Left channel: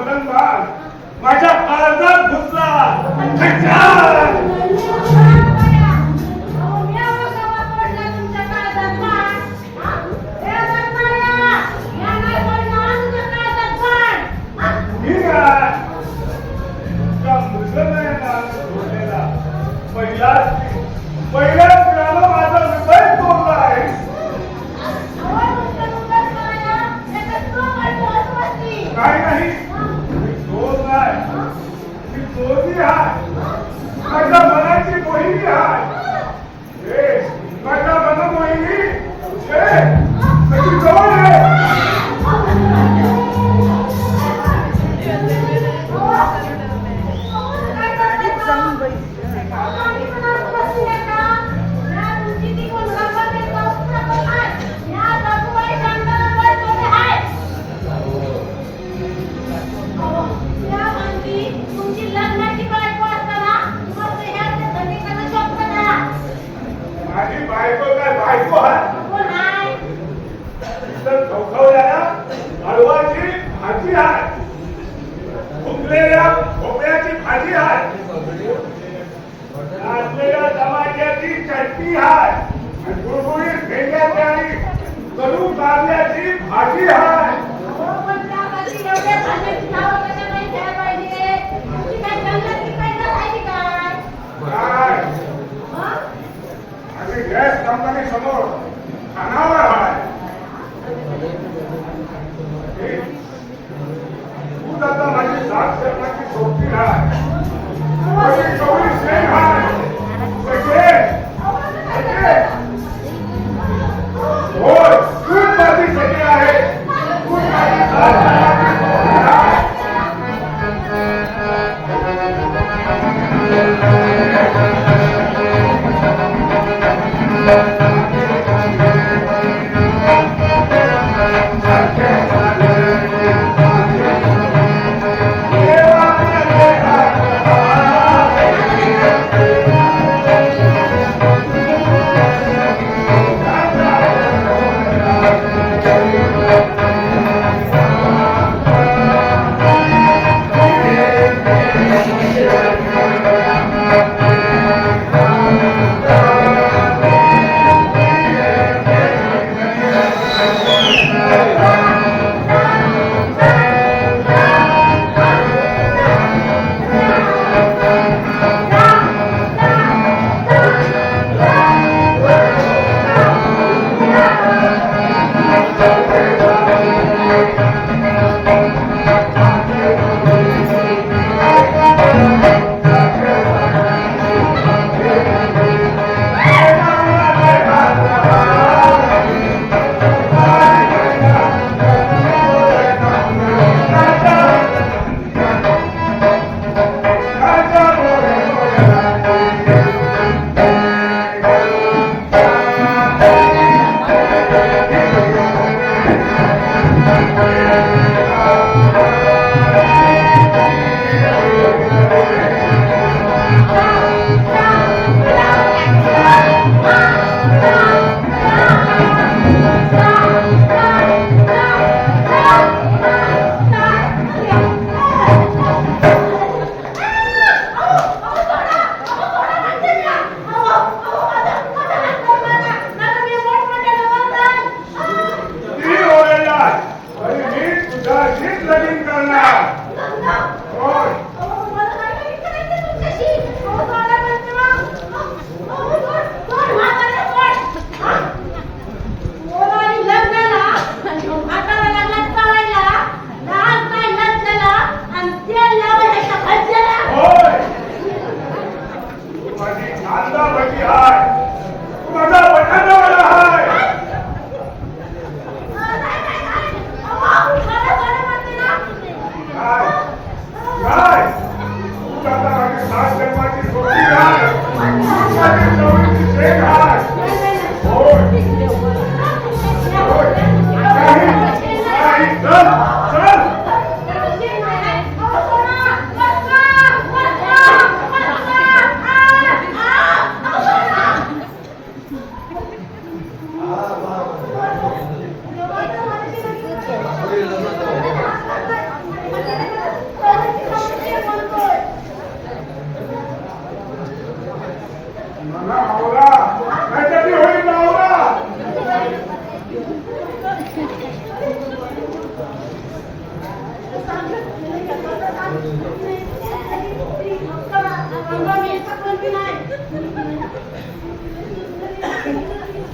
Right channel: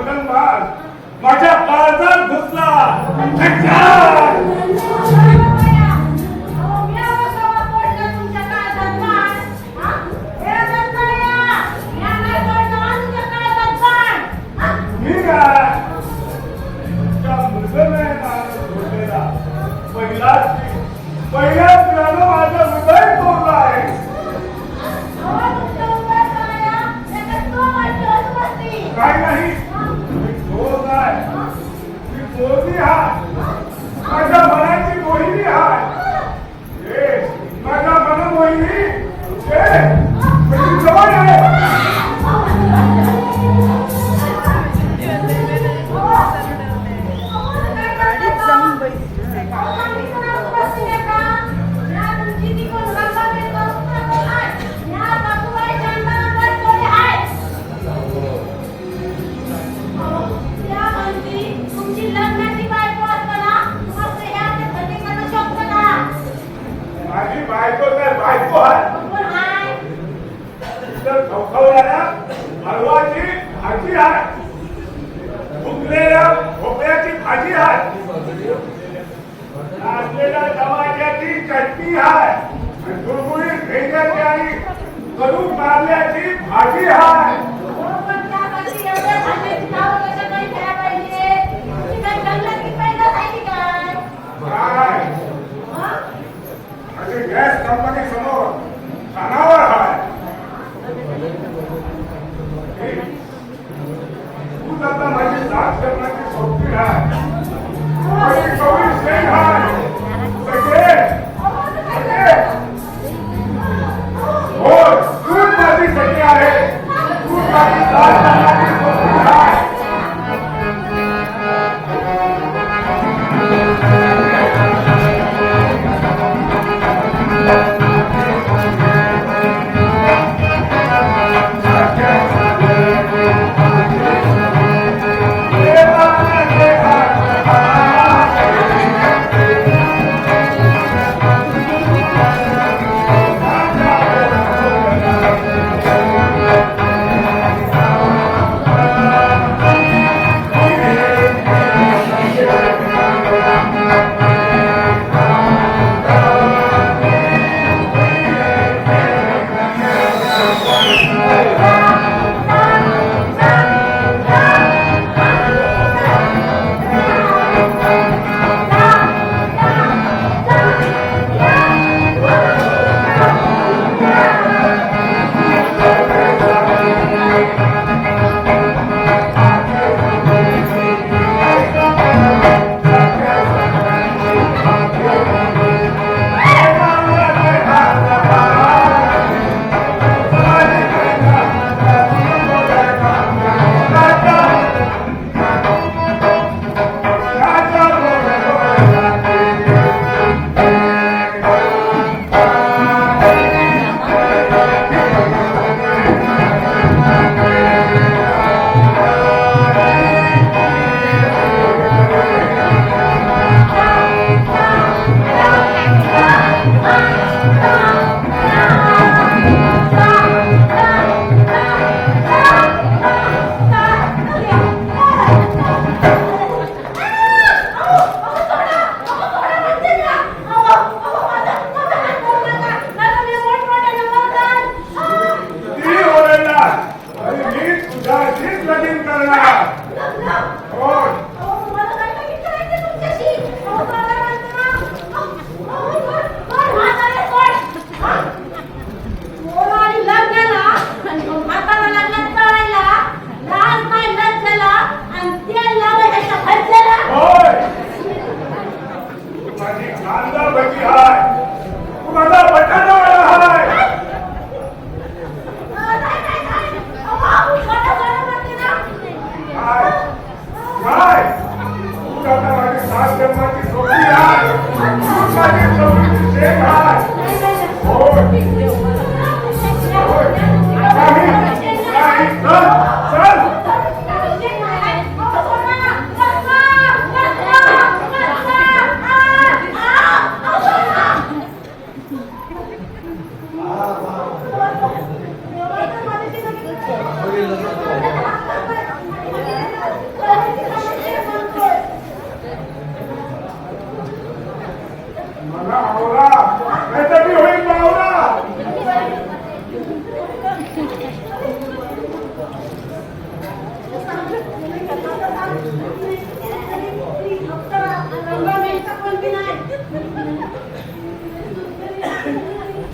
मगनबाज माझ्या काळजात घुसला. पहिल्याच वेळानं माझा हृदय तोडला आहे. नाही मी चोर नाही, मी चोरली आहे. माझ्या मनाची मोहिनी आहे. माझ्या मनमोहिनी जवळ आहे. हलवाची भाजी आहे, फुगलेल्या भोपळ्याची भाजी आहे, नाचलेल्या टमाट्याची चटणी आहे, गुळगुळीत भेंड्याची आणि कडू कारल्याची भाजी आहे. गॅस कंपनी समोर कानावर आहे. तू आता माझी साथ करण्याची सोबती आहे. 24 ट्रेन आहे. हो, तूच माझी सखी आहे. तूच माझी साथ करण्याची सोबती आहे.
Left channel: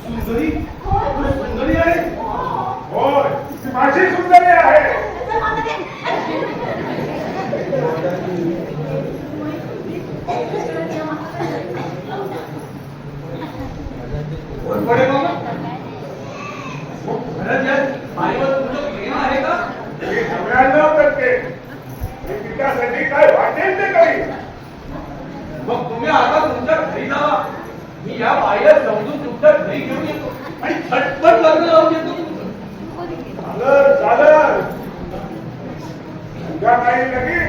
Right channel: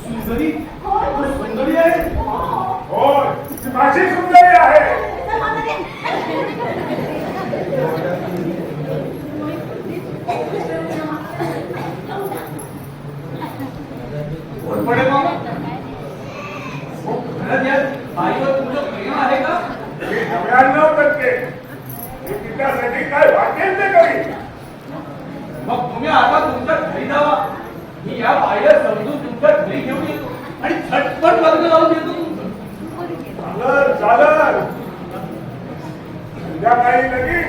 सुंदरी सुंदरी आहे. होय ती माझी सुंदरी आहे. वरपडे मग खरंच या बाईवर तुझं प्रेम आहे का? मी 99% मी तिच्यासाठी काय वाटेल ते करीन. मग तुम्ही आता तुमच्या घरी जावा. मी या बाईला समजून तुमच्या घरी घेऊन येतो आणि झटपट लग्न लावून देतो. चालेल संध्याकाळी लगीन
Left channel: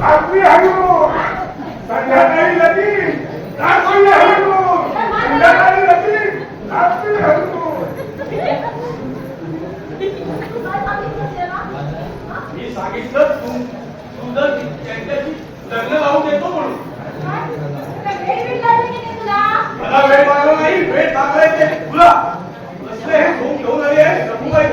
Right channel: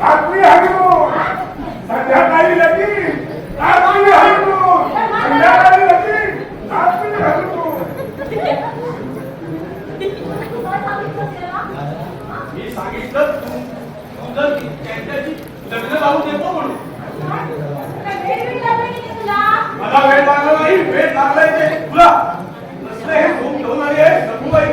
रात्री हनीमून. संध्याकाळी लगीन रात्री हनीमून. संध्याकाळी लगीन रात्री हनीमून. मी सांगितलं तुझं त्यांच्याशी लग्न लावून देतो म्हणून. मला वेळ लागला नाही. वेळ लागलाय ते तुला. कसलं हे झोप घेऊन आली आहे रघुबाई.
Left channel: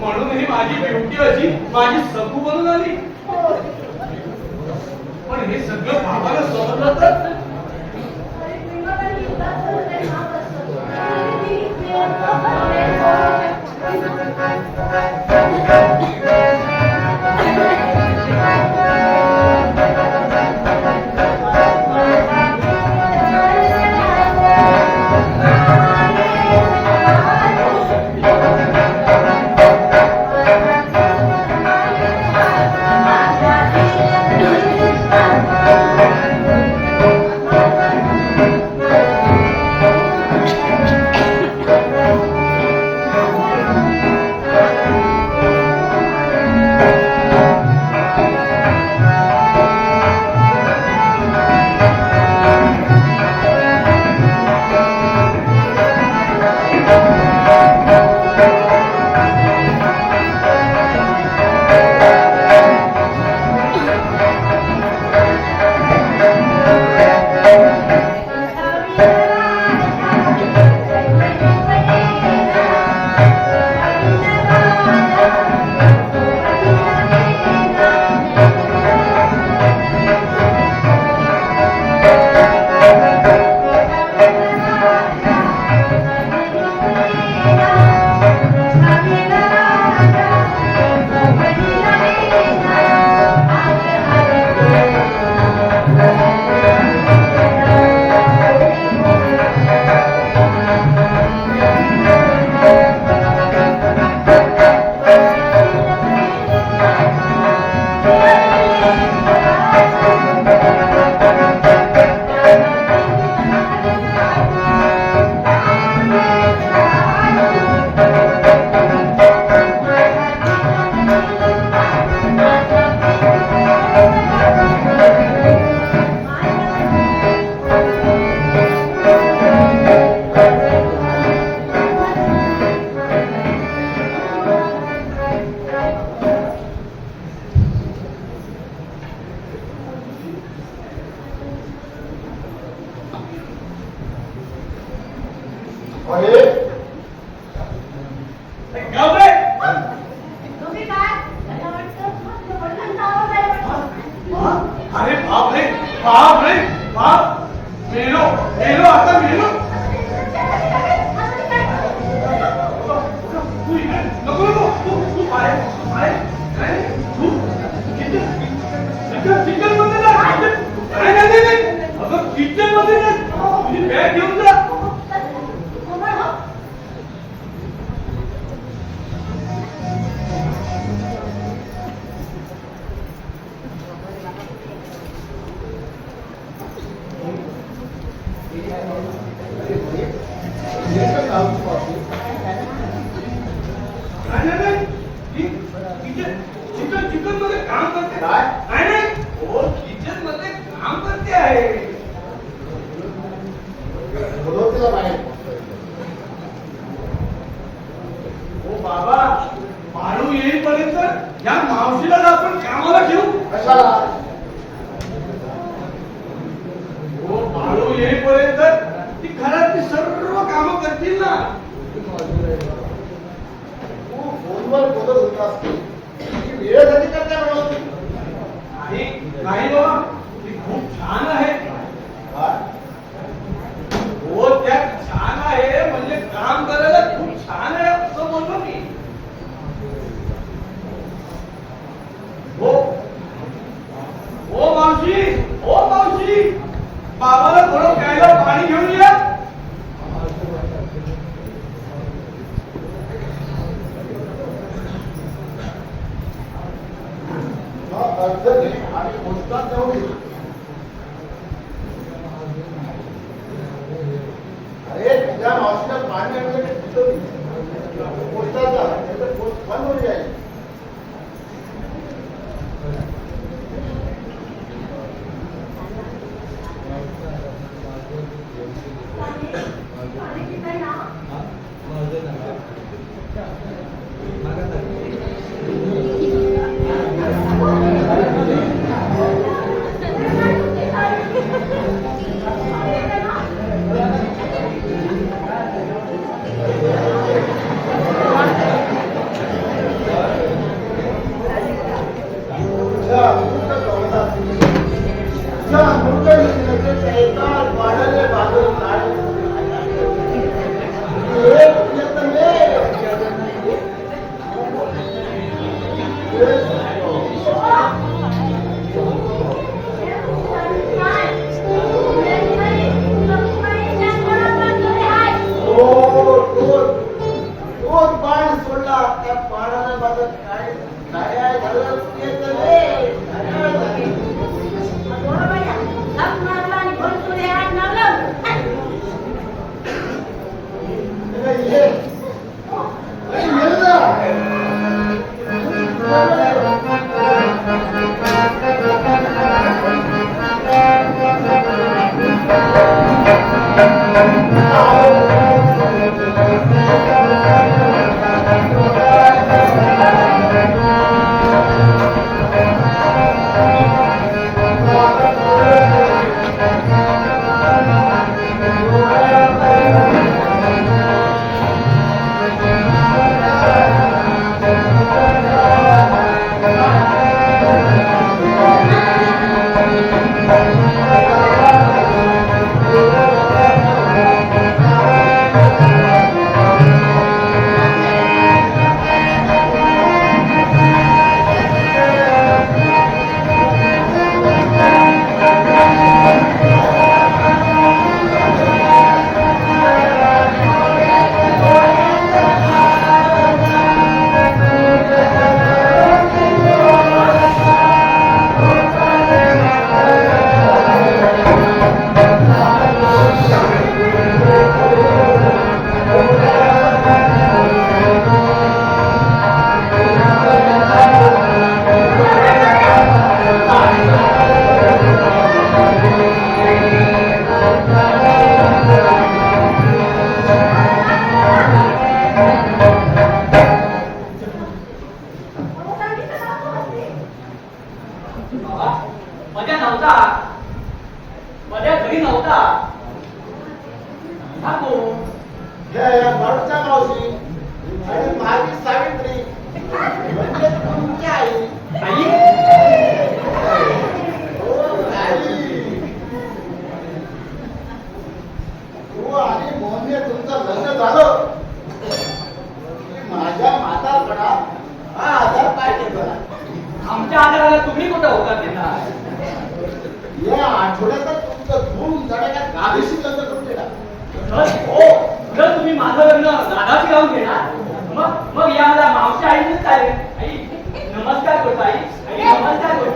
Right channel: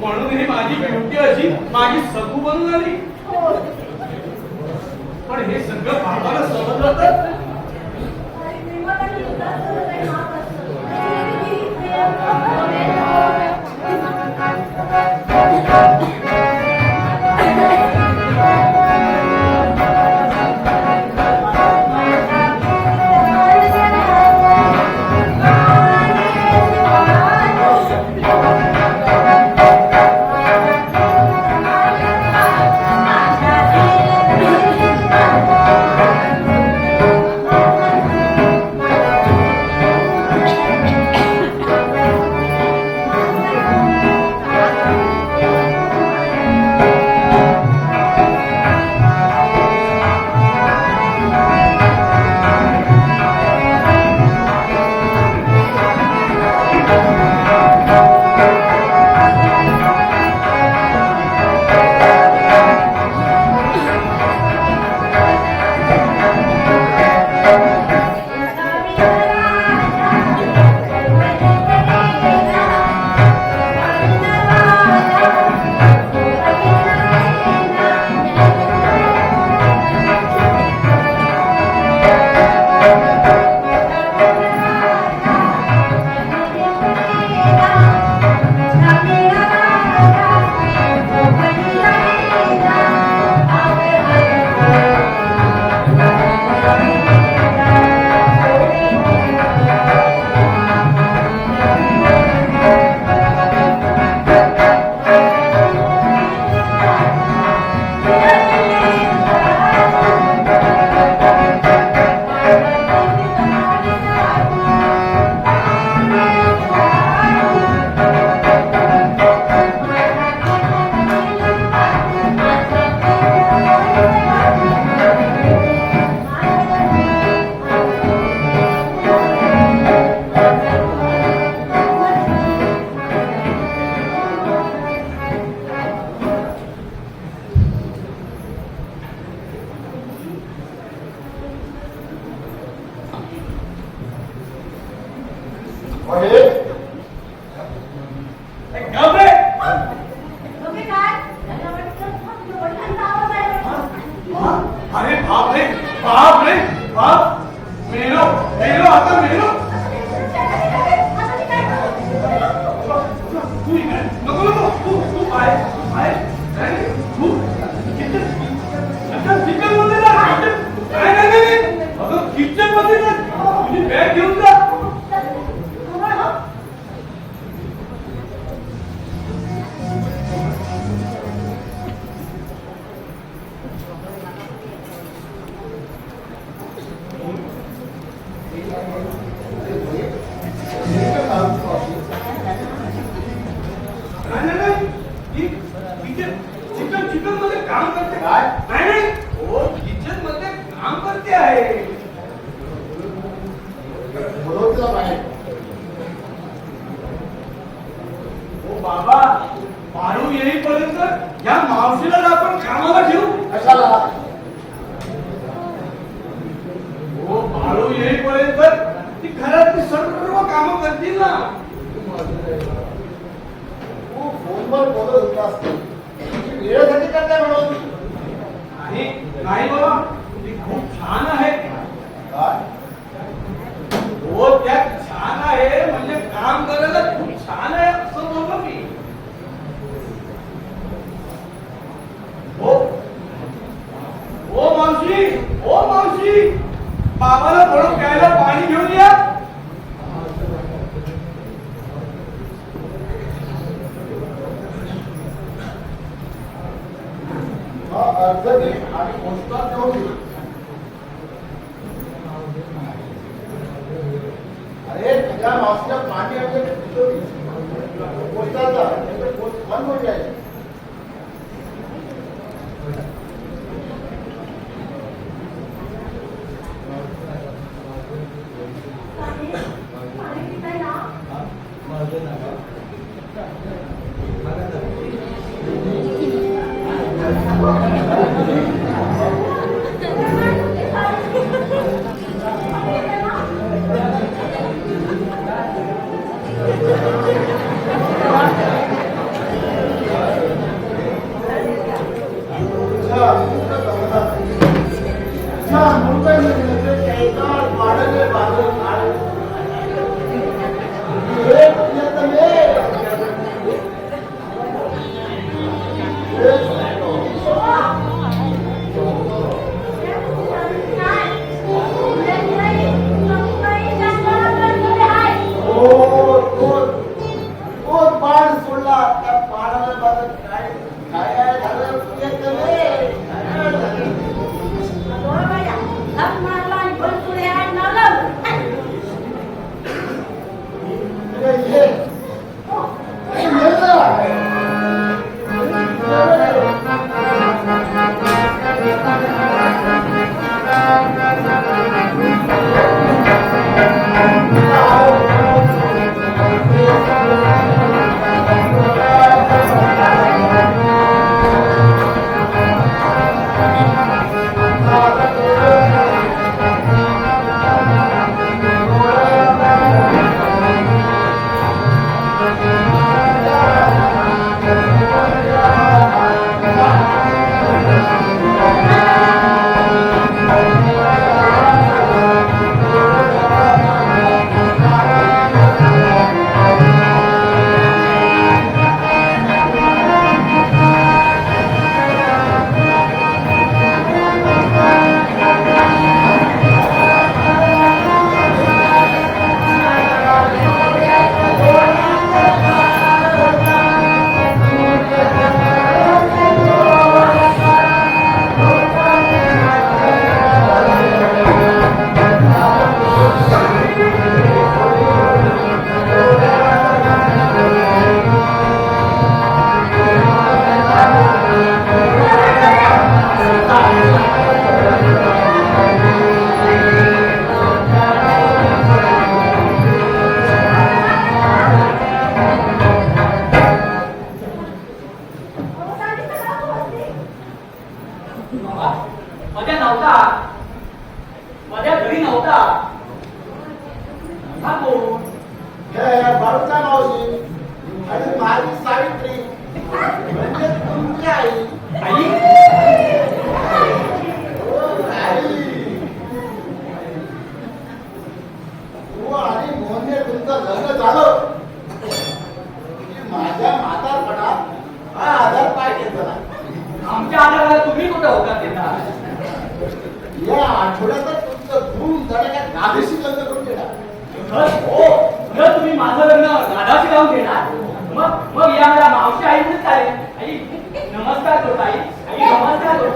म्हणून ही माझी ड्युटी अशी माझी सखू बनून आली. पण हे सगळं बाबाला समजलं तर या मावशीला जर आपण कामाला ठेवू. कशाला? हो, बाळू येईपर्यंत ती घरातली सर्व कामं करतील ना. तू फोनवर बोलत होतास की वेळेसाठी करता म्हणून. नाही बाबा, ती खूप छान आहे. काय? हो, त्यात छान आहे म्हणजे काम करायला खूप छान आहे असं बोललो मी. हो हो मावशी, हो मावशी, बाबाला थोडं प्यायला पाणी घेऊन या. अर्धनी आणि पुस्तक देऊन दे. अरे तुझ्या मावशीला पाणी आणलं पोस्टाचा पोस्ट बंद होईल आहे. बाळूचा मावशी आणि माझी सावित्री म्हणजे तुमची आई. तू आणि मोहनने तुमचं लग्न झालं की माझ्या म्हातारपणात हा आधार पाय घेतला. आमच्या आधाराला तुम्ही कुठं होता त्यांना? या आठवड्यातच तुमचं धूम धडाक्यात गाभीशी लग्न करून देणार. हो, जर तुम्ही माझं लग्न दादाशी जाऊन घेणार मग या मला मावशी आईच चालेल. आई नमस्कार करतो. आई आई नमस्कार करतो.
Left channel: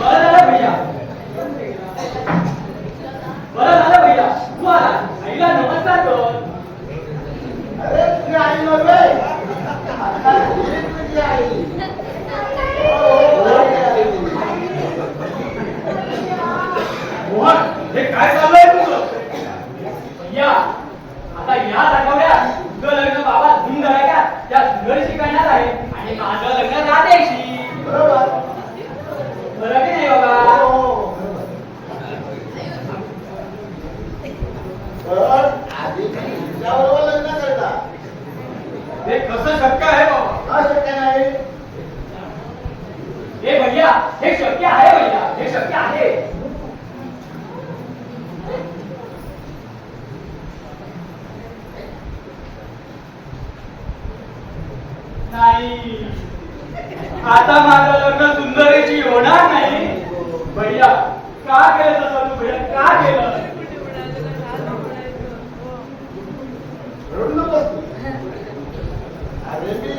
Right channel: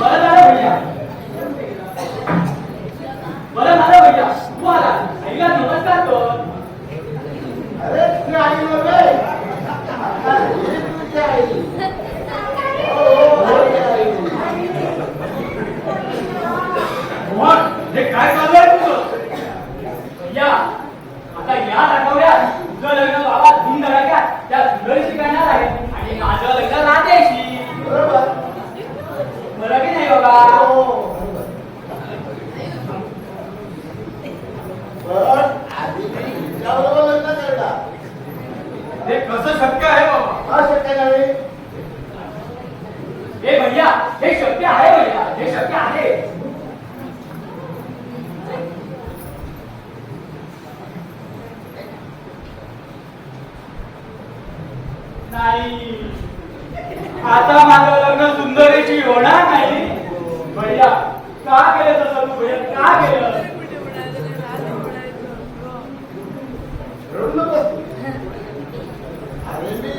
बरं झालं भैया, बरं झालं भैया, तू आला. आईला नमस्कार कर. अरे तुझी आई वगैरे आता ही तुझी आई. मोहन, हे काय चाललंय तुझं? भैया माझं लग्न राधेशी. बरोबर. बरं की नाही बाबा? हो, बरोबर. पण आधी मी हिच्याबरोबर लग्न करणार. हे कसं शक्य आहे बाबा? का शक्य नाही? हे भैया, हे शक्य आहे भैया, हे शक्य आहे. नाही, आता माझं लग्न सुंदरीची होणार नाही. भैया, का केलं तसं तू भैया, का केलं? रडू नकोस तू. अरे मी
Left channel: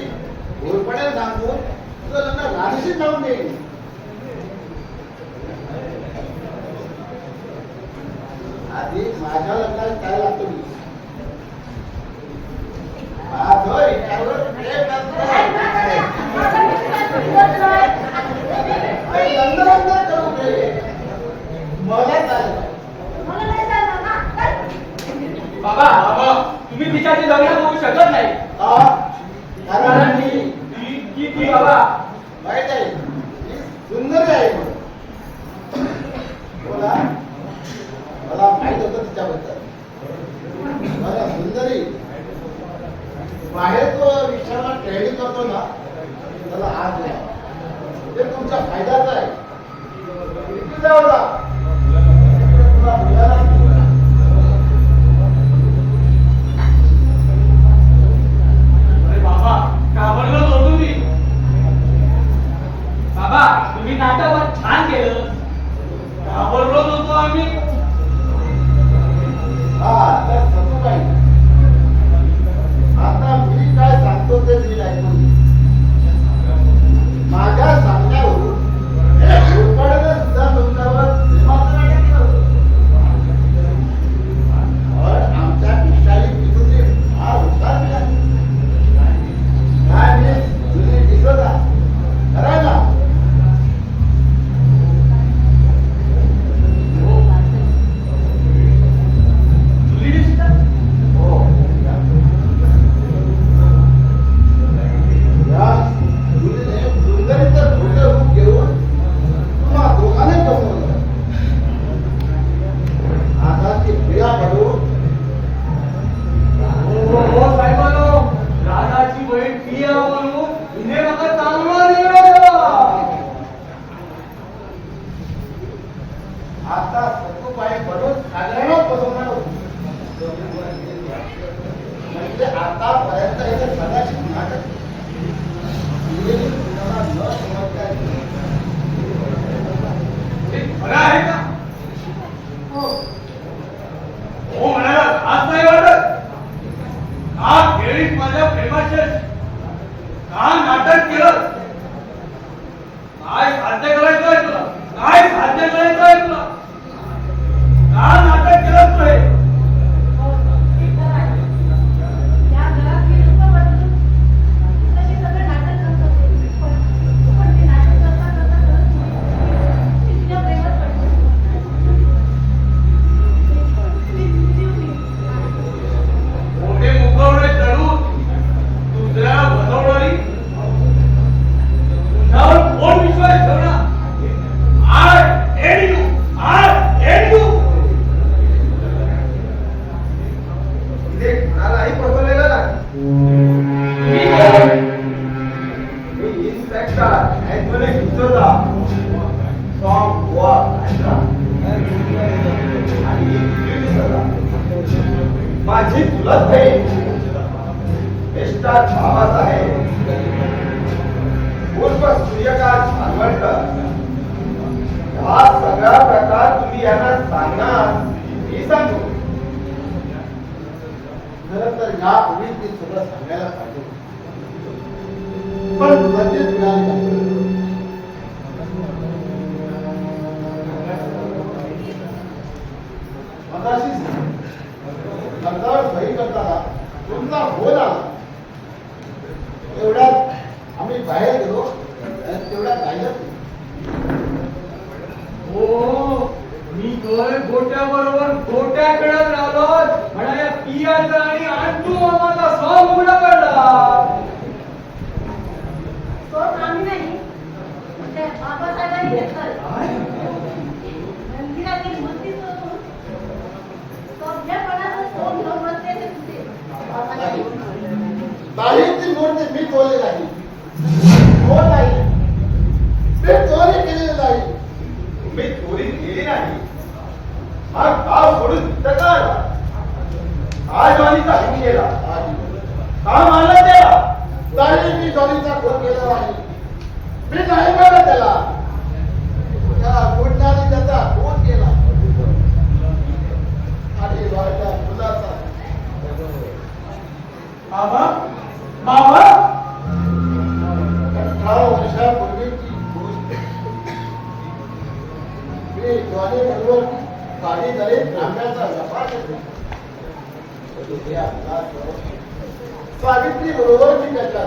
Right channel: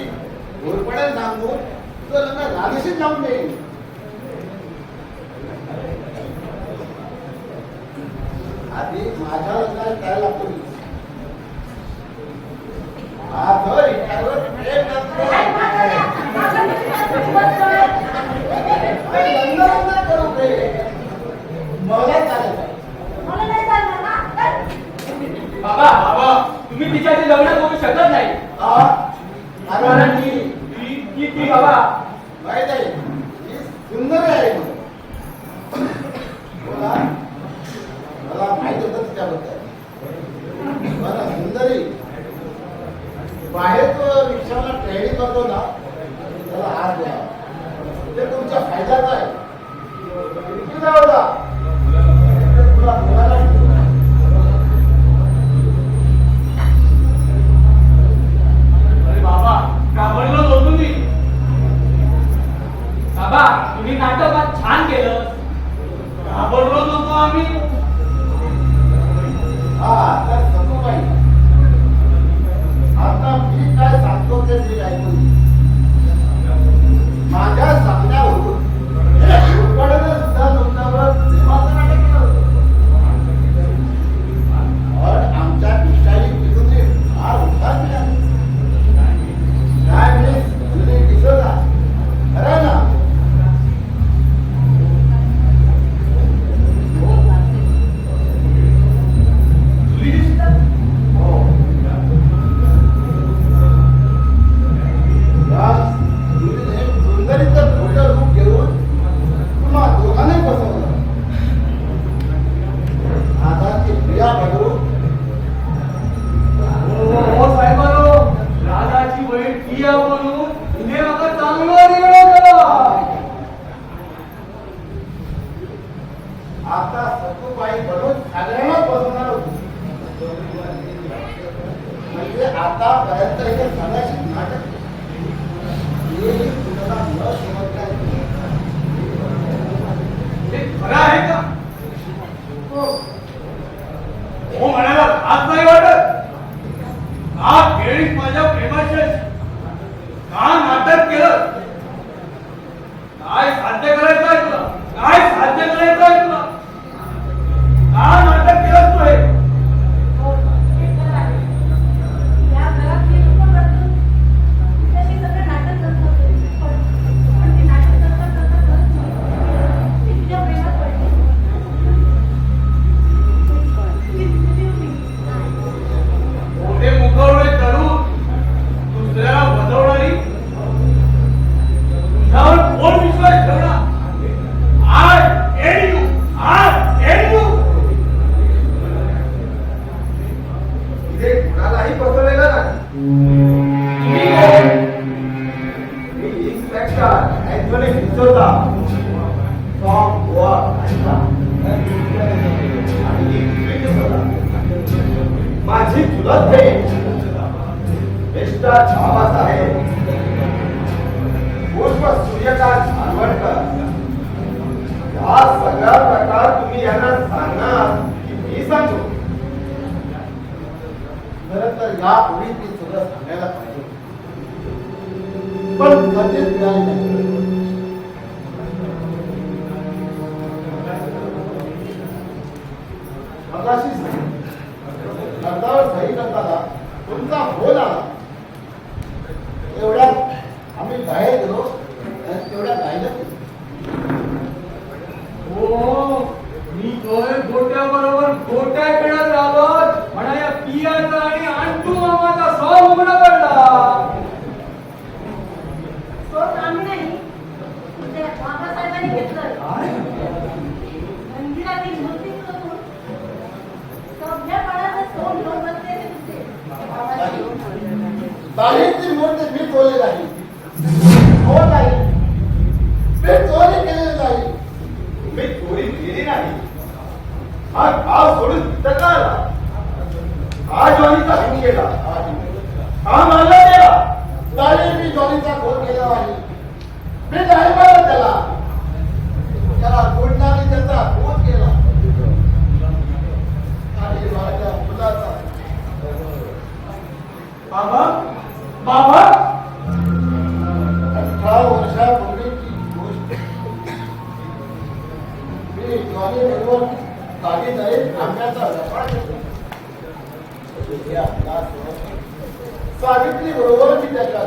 गोडपणे सांगून तुझं लग्न राधेशीच लावून देईन. आधी माझ्या लग्नात काय लागतो मी माझं हिच्यावर प्रेम नसतं. अरे लग्न करू दे. मला चालेल. बाबा, बाबा, तुम्ही तिच्याशी लग्न करू शकत नाही. कारण मी ती बाबा माहित आहे ही सुंदर आहे. मला मला माहित होतं तिच्याबद्दल. मला सुंदरी बाहेर तो रिक्षाला ट्रेडिंग करतो ना त्याला आज दिला ते तुमच्या फायद्याचं आहे. किती जाऊ दा तुला बोलायला बाबा, घाबरलो होतो तुम्ही. बाबा, तुम्ही नाटकात छान केलं. घाबरलो नको आम्ही. हा तर सतुबाई आता मी काय सांगतो ते नीट ऐकून घे. माझ्या सांगण्यावरून उरपाड्याने सुद्धा तुमच्यावर प्रेमाचं नाटक केलं होतं. पण आमच्या पिशाई विरोधी फार हुशार आहे. काय मिस जुनी किशोरा खरं ना? हो. या जुनीने सुंदरीचं खोटं रूप घेऊन तुम्हा दोघांनाही फसवलं. आता ती प्रिया पडून हो साहेबांनो, राधाची बहीण पिया म्हणून हिने मला चांगला निर्णय दिला. आता सतुबाई पडून सगळ्यांना फसवणार होती. म्हणजे आतापर्यंत हे सगळ्याची नाटक न समजता हे खरं आहे का? हो म्हणाला आज नाही वाटत. का केळी माझ्या प्रेमाचे का नाटक केलं? काय साध्य करायचं आहे तुला? काय साध्य करायचं आहे तुला? का नाटक केलं तू हे? मोठे मुखवळे चढून दुसऱ्याला बसवणारी तुझ्यावर कोण विश्वास ठेवणार? I hate you. I hate you. इथे कुणालाही फसवलेलं नाही. मी कोण? मी inspector Anthony D'Souza from Goa. आणि ही दुसरी डिसोजा माझी चुलत बहीण मिस्टर बाबासाहेब उर्फ सूर्यकांत खानवलकर. हा सगळा प्रकार तुम्ही यांना सांगणार की मी सांगू? खरं तर यापूर्वी मी सगळं सांगायला पाहिजे पण कधीच मिळाली नाही. मगाशी अर्धावर सही करताना तुमचा फोन आला. एवढ्यात आम्ही बाहेर गेलो आणि तेवढ्यात राहिलं. हो, मी तोय गोट्याबरोबर गोट्या खेळत राहिलो म्हणा या पियाचा आणि अंटू मामाचा सॉ उघडा पडला. गेली नाही. हा गाव सोडून इथं का आला? हा जॉनीचा खून केला. हा मानला त्याला. चालेल मी जॉनीचा खून केला नाही. मी नाही मारलं त्याला. त्याला गुंडांनी त्याचा खून केला. आणि माझ्या मुलाचा बाबा बाबा 18 वर्षापूर्वीची गोष्ट. मी जॉनी बरोबर काही तरी आंब्याचा व्यापार करतो. सावित्री बरोबर मी त्याच्या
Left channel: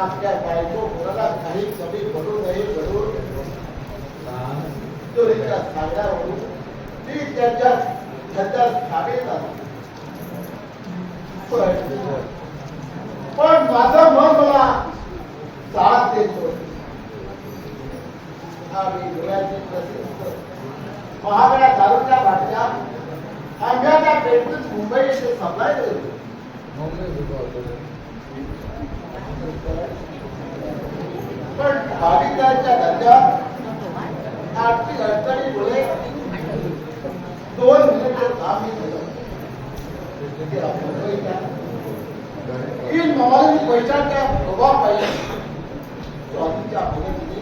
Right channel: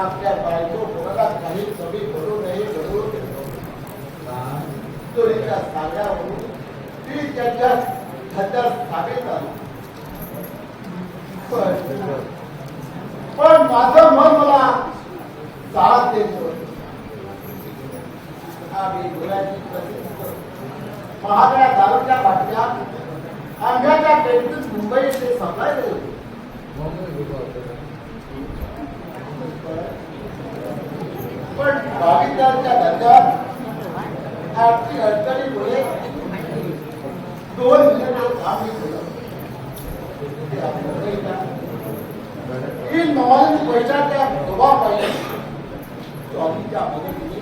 आपल्या बायको कोणाला काही कमी पडू नये घडून चोरीच्या सांगण्यावरून ती त्याच्या स्थापित झाली. पण माझं मन मला साथ देत होतं. आम्ही डोळ्याची प्रसिद्ध महागड्या दारूच्या बाटल्या आंब्याच्या पेटून मुंबई येथे सप्लाय करत होतो. पण भाविकांच्या धंद्यात आर्थिक अडचणीमुळे 2 मिनिटं काम मी केलं. ही नॉन पैशाच्या प्रभावापायी स्वामीच्या मदतीने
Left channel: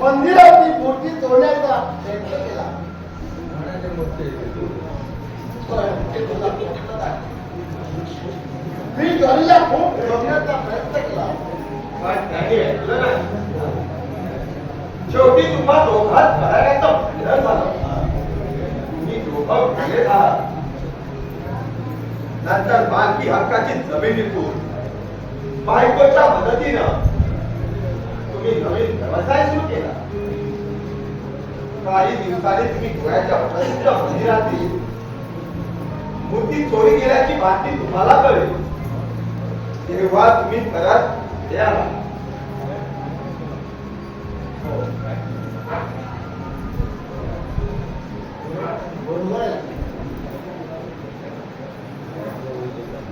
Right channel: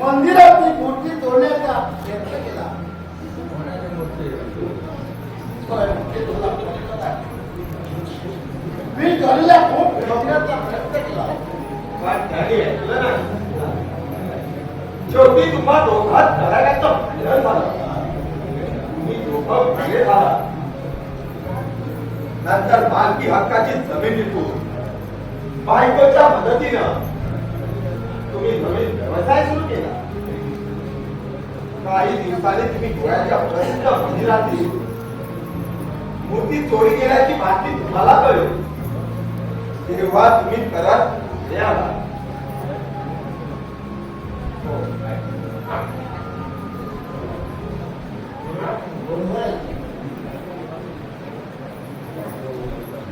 मंदिराची मूर्ती तोडण्याचा प्रयत्न केला. मी जॉनीला खूप ठेवण्याचा प्रयत्न केला. शेवटी तुम्हा दोघात करायचा विरोध झाला. तुम्ही दोघं भागे झाला. नंतर मालकी हक्काची जमिनीतून बायकोच्या मदतीनं तुम्ही नवीन व्यवसाय सुरू केला. काही दिवसांनी तुम्ही गोव्याच्या प्रसिद्ध मंदिरातील मूर्ती चोरी केल्याची बातमी तुम्हाला कळली. तेव्हा तुम्ही परत याला.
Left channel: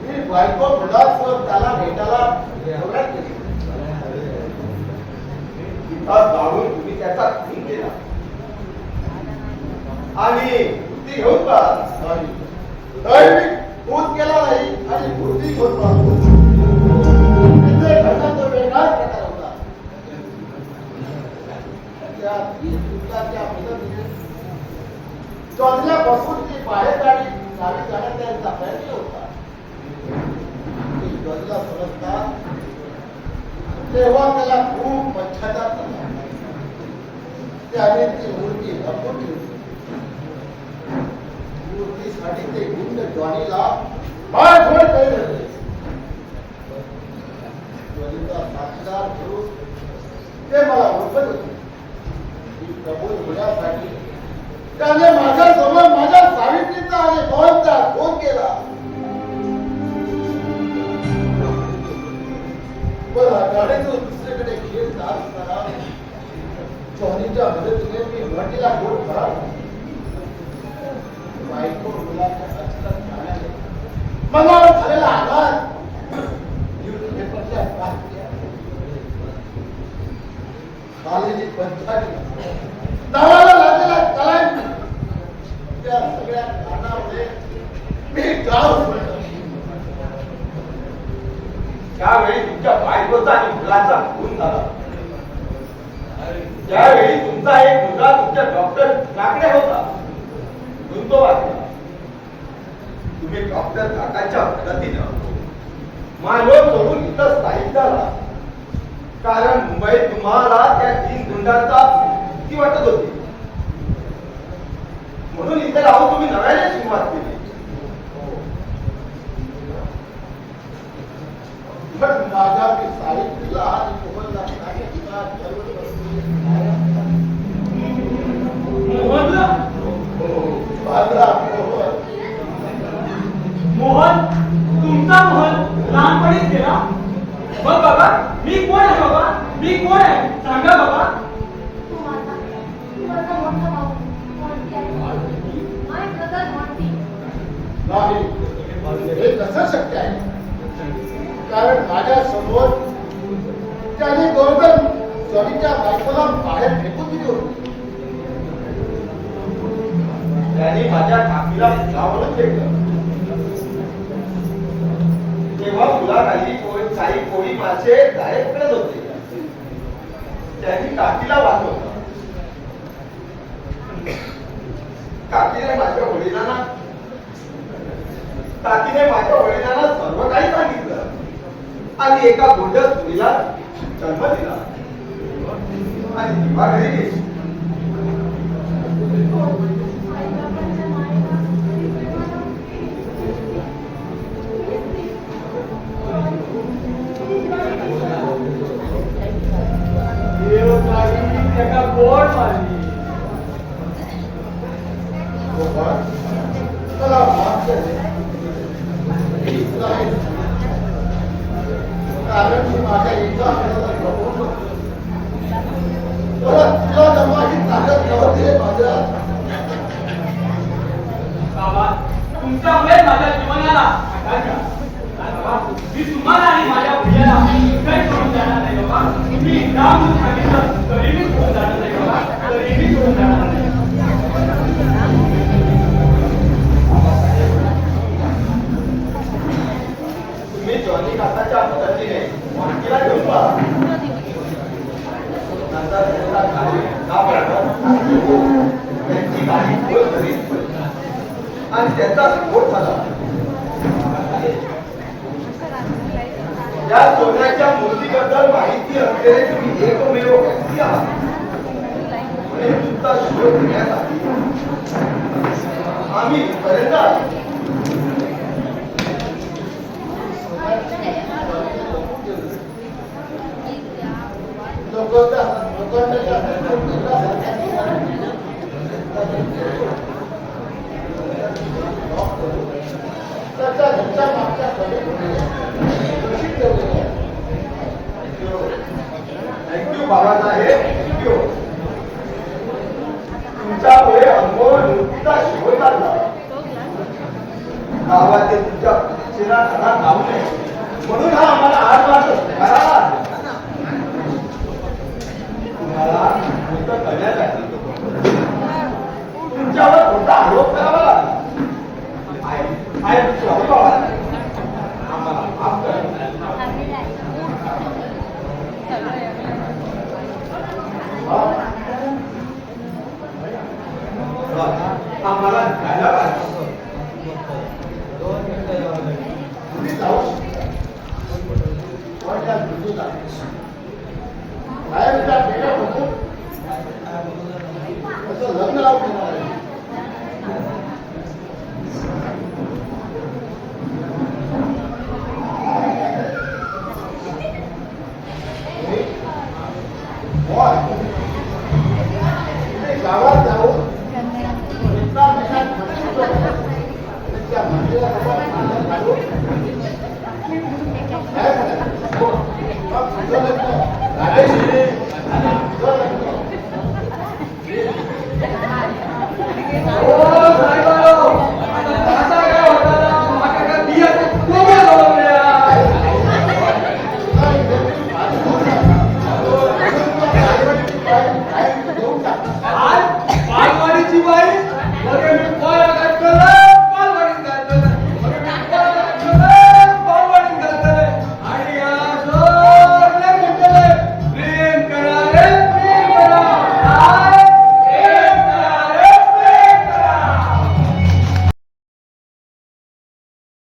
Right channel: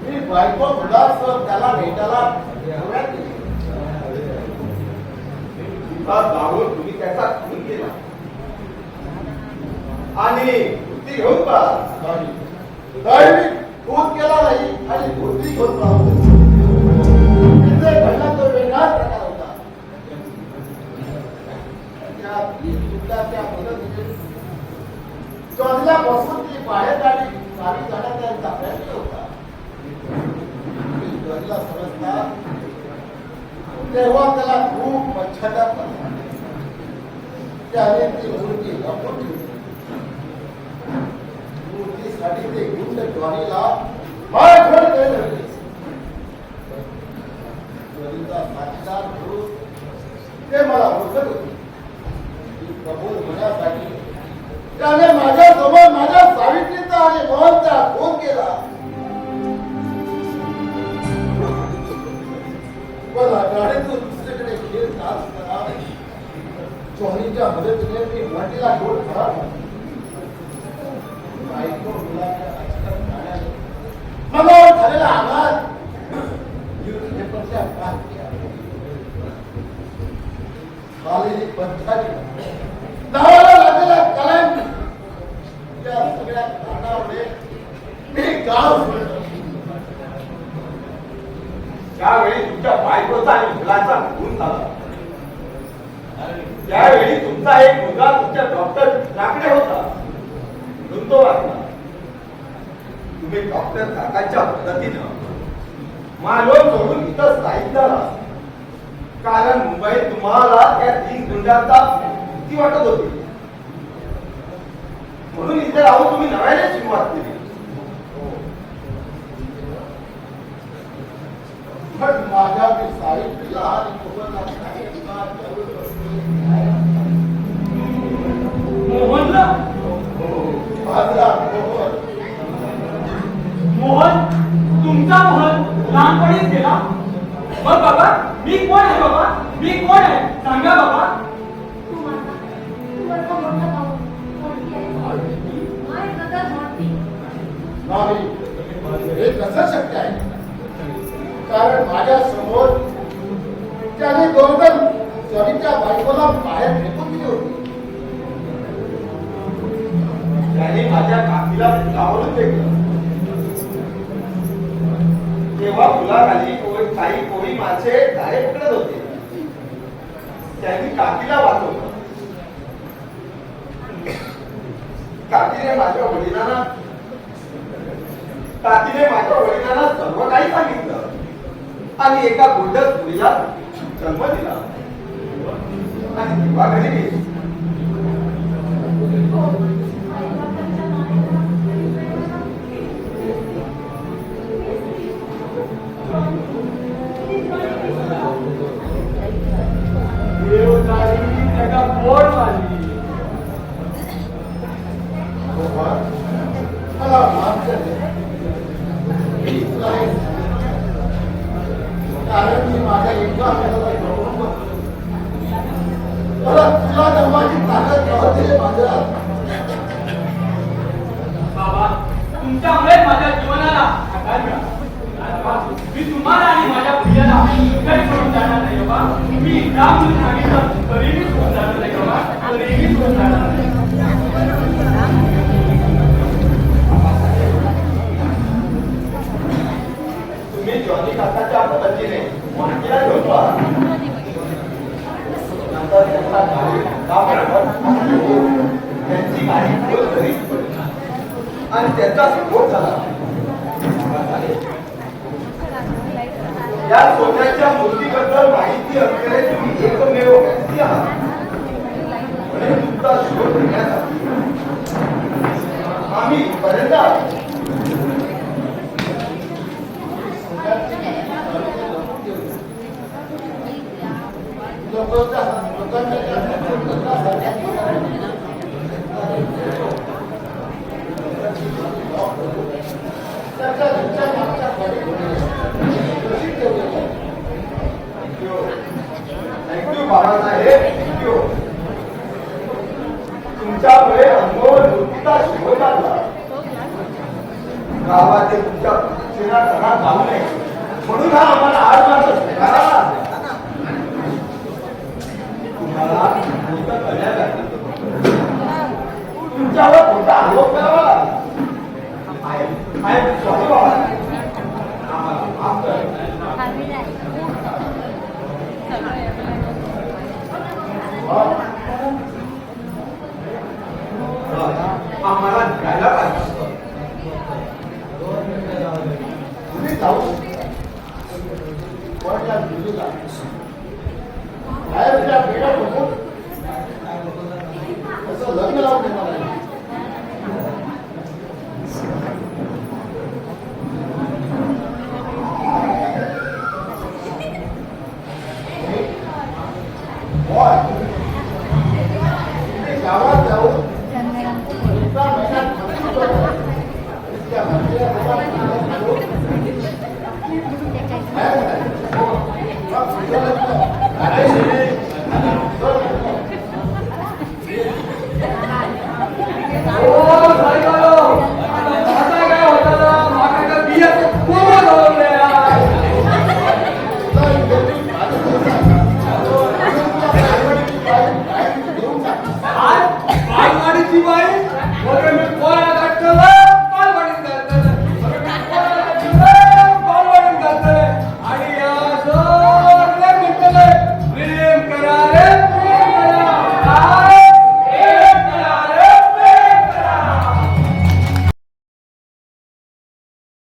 मी बायको मुलासह त्याला भेटायला एवढ्यात गेलो. जाऊन तुम्ही त्याचा खून केला आणि मूर्ती घेऊन पळाला. मी खून केला नाही आणि मूर्ती घेऊन पळालो. तिथे घडला तो वेगळाच प्रकार होता. त्या मदतीने जॉनीलापासून ती बाहेर गाडी जाण्याचा प्रयत्न होता. मी जॉनीला समजता तेव्हा त्याला खूप पश्चाताप झाला. त्याने ती मूर्ती वापरून ठेवली. मूर्तीसाठी ते गुंड जॉनीला मारखोड करत होते. जॉनीचा साथीदार म्हणून ते मला ओळखत होते. कबूल होण्यासाठी त्याने माझ्यासमोर माझ्या सावित्रीचा आणि मोहनचा खून केला. पण गाडीतून दुसरीकडे खेळ जात असताना जॉनीच्या मदतीने मी वाटेला घेऊन खराब बायको मुलाच्या अचानक जाण्याने मनावर झालेला आघात न्यूजपेपरच्या बातम्या खालेली पंचाली नावाला लागलेला कलांटी त्या सगळ्या कारणामुळे मी गाव सोडलं. त्यावेळी तुमच्या बायकोचा आणि मुलाचा खून झाला. त्यावेळी तुमचा एक मुलगा तुमच्या डॉक्टर लाकडे होता. तो वाचला. तुम्ही डॉक्टर काकाच्या मदतीनं मानव सोडून इथं स्थायिक झाला. कारण मुंबईत तुम्हाला त्या 3 गुंडांचा भीती वाटत होती. म्हणून इथे राहून तुम्ही नव्याने सुरुवात केली. माझ्या सावित्रीला आणि मोहनला मोहन तुमचा मोहन लहानपणीच गेला. मग बाबा मी कोण आहे? बाबा मी कोण आहे सांगा बाबा. तू माझा मोठा भाऊ मोठी आहे. माय ब्रदर मोठी. नाही हे कसं शक्य आहे? कारण माझ्या समोर त्याने दोघं जमीच्या बायकोला मला बाहेर फेकून दिली होती. त्याने माझ्या काकीला फुलावरून फेकलं. तेव्हा फुलाखाली काही कोळी मासे जाळे पकडत होते. त्यांनी काकीला वाचवलं. काकीने माझ्या वडिलांना सर्व काही सांगितलं आणि एका गोंडस मुलीला जन्म दिला आणि तेव्हा घरी गेली. त्याला गोड मारली. मला माफ कर. कारण मी माझ्या इतका तुला धर्माची ताकद दिले माझ्या. बाबा तुमच्यामुळे माझ्या जीवनाला आकार मिळाला. मी तुम्हाला आणि माझ्या प्रियाला काही सोडून जाणार नाही बाबा. मी राम सांगितलं तरी मी सोडून जाणार नाही बाबा. तरी मी सोडून जाणार नाही. तुम्ही जॉनी काकाच्या पद्धतीने माहितीला घेऊन पहा. नंतर त्यांचा गाडी त्यांची गाडी खोल घरीच पडली आणि त्यांचा स्फोट झाला. या सोन्याच्या मूर्तीबद्दल माहिती असलेले तुम्ही एकमेव व्यक्ती आहात. म्हणून तुमचा शोध घेण्यासाठी आम्ही पर्यंत आलो. Thank you Babasaheb, thank you. तुमच्यामुळे अनमोल मूर्तीचा शोध लागला. गावात तुमच्या प्रतीक्षेला घरात घालू नये म्हणून हा आम्हाला 8 मार्च करावा. तुम्हाला गोष्ट करण्यासाठी तुमच्यावर कोणता आरोप करावा लागला. सॉरी बाबा.